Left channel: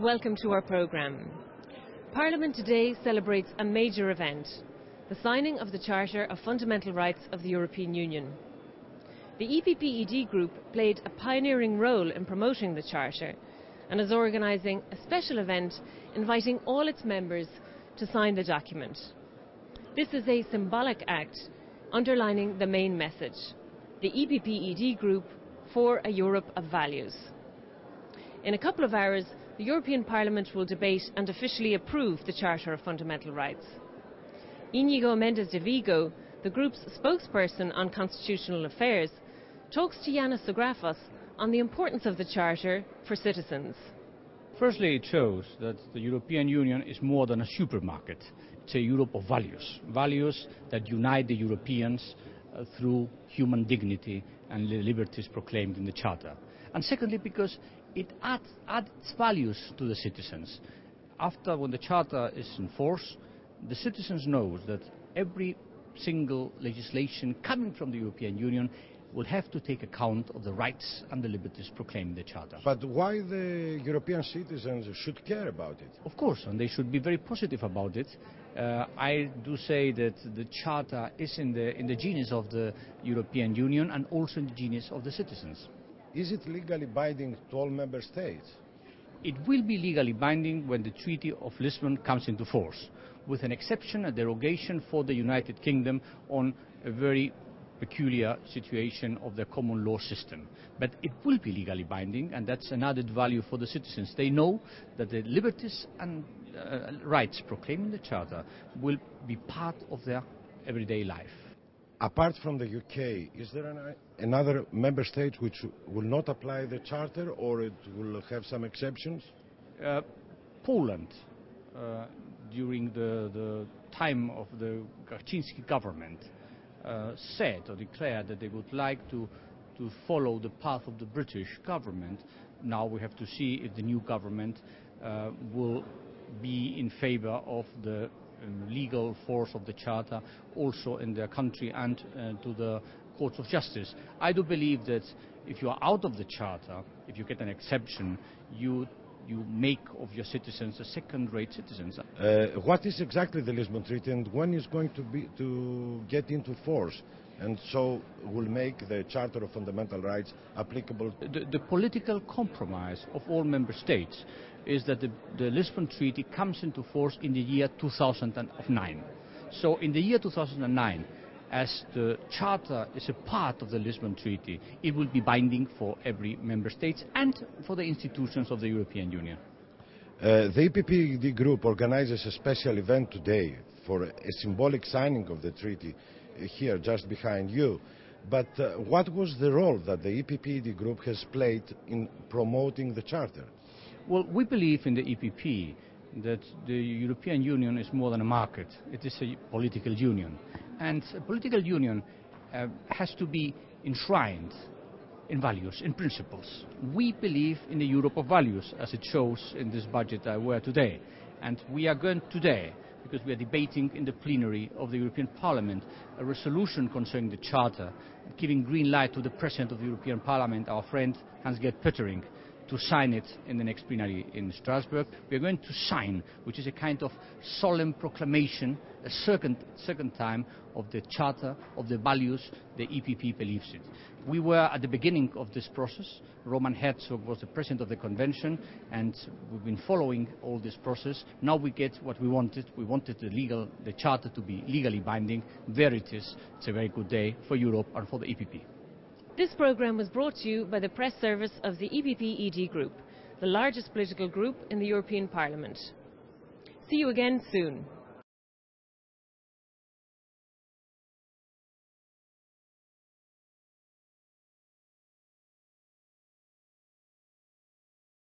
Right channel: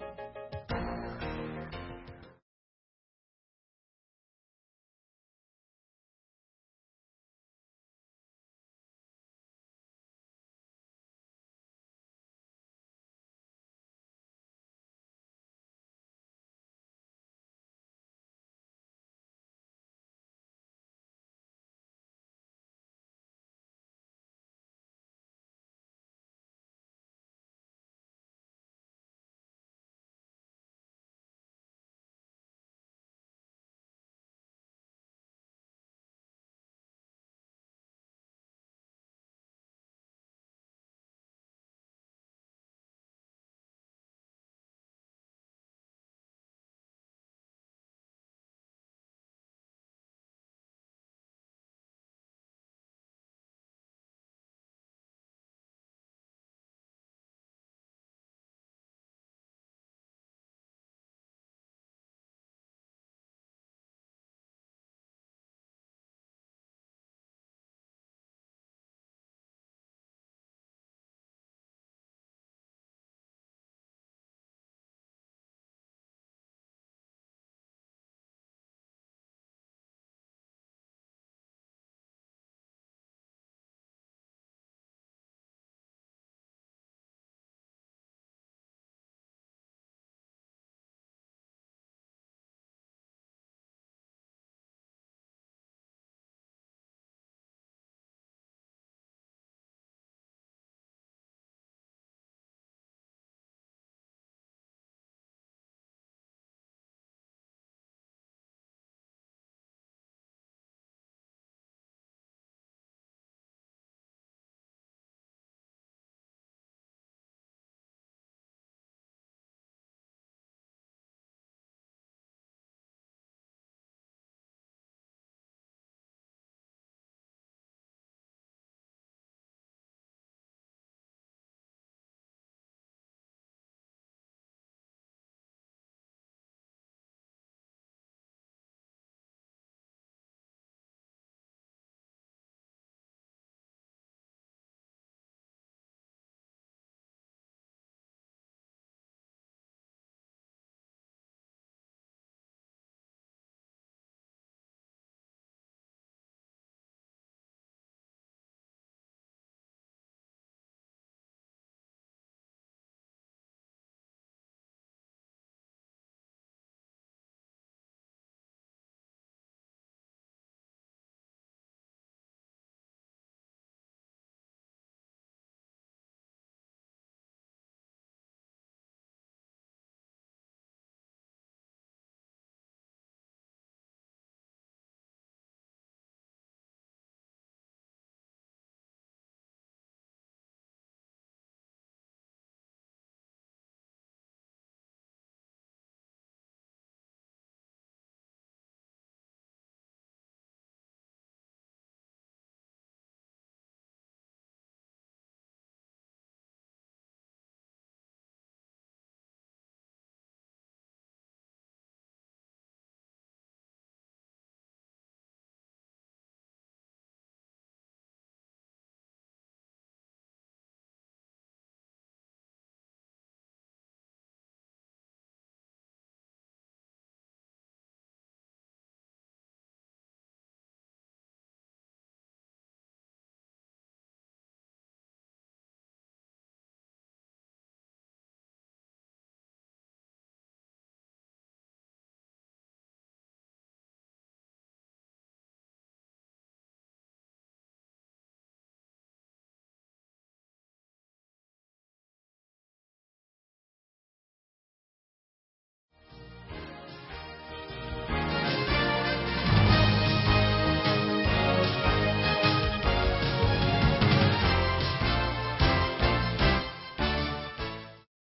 and welcome to our programme. Parliament today celebrates a major event, the signing of the Charter of Fundamental Rights of the European Union. The EPP-ED Group played a pioneering role in promoting the Charter and is organising a special event inviting all its members to sign the document. This is a symbolic act underlining the main message: the EPP-ED Group for a Europe of values. In a couple of hours, the European Parliament will debate and officially approve the Charter of Fundamental Rights. Íñigo Méndez de Vigo, the group's spokesperson on constitutional affairs, talks to Yanis Zagrafos on the importance of the Charter for citizens. Firstly, it shows that the European Union is more than a supermarket. It's a Europe of values, values that unite the Europeans through human dignity and the liberties proclaimed in the Charter. And secondly, because it adds values to the citizens. When the Charter is in force, the citizens know that every single legislation coming from the European Union will have to take account of the rights and the liberties proclaimed in the Charter. But why the European citizens should care about it? Of course, and they should be very positive about it. I do say that the Charter is in the genius of the European Union and also in the genius of the citizens. Is it legally binding to all member states? It will be legally binding when the Treaty of Lisbon comes into force, with an exception, a derogation for the United Kingdom on a very peculiar situation of the common law system. But it will be legally binding, and that's an added value for the citizens. They know that the liberties and rights proclaimed in the Charter will be part of their everyday life. Apart from the UK, is there another member state which will not apply the Charter, or it will have some exceptions? Poland, during the time of the Kaczynski government, said or declared that they would like to follow the path of the British government. Now we have to see if the new government will be in favor of the legal force of the Charter also in their country and to the courts of justice. I do believe that if you are out of the Charter, if you get an exception, you make of your citizens a second-rate citizens. What is exactly the Lisbon Treaty, and when is going to get into force, and so will make the Charter of Fundamental Rights applicable? The political compromise of all member states is that the Lisbon Treaty comes into force in the year 2009. So in the year 2009, as the Charter is a part of the Lisbon Treaty, it will be binding for every member state and for the institutions of the European Union. The EPP Group organizes a special event today for a symbolic signing of the treaty here just behind you. But what was the role that the EPP Group has played in promoting the Charter? Well, we believe in the EPP that the European Union is more than a market. It is a political union. And a political union has to be enshrined in values, in principles. We believe in a Europe of values, as it shows in this budget I wear today. And we are going today, because we are debating in the plenary of the European Parliament, a resolution concerning the Charter, giving green light to the President of the European Parliament, our friend Hans-Gert Pöttering, to sign it in the next plenary in Strasbourg. We are going to sign, which is a kind of solemn proclamation, a second time of the Charter, of the values the EPP believes in. We were at the beginning of this process. Roman Herzog was the president of the convention, and we've been following all this process. Now we get what we wanted. We wanted the Charter to be legally binding. There it is. It's a very good day for Europe and for the EPP. This programme was brought to you by the press service of the EPP-ED Group, the largest political group in the European Parliament. See you again soon.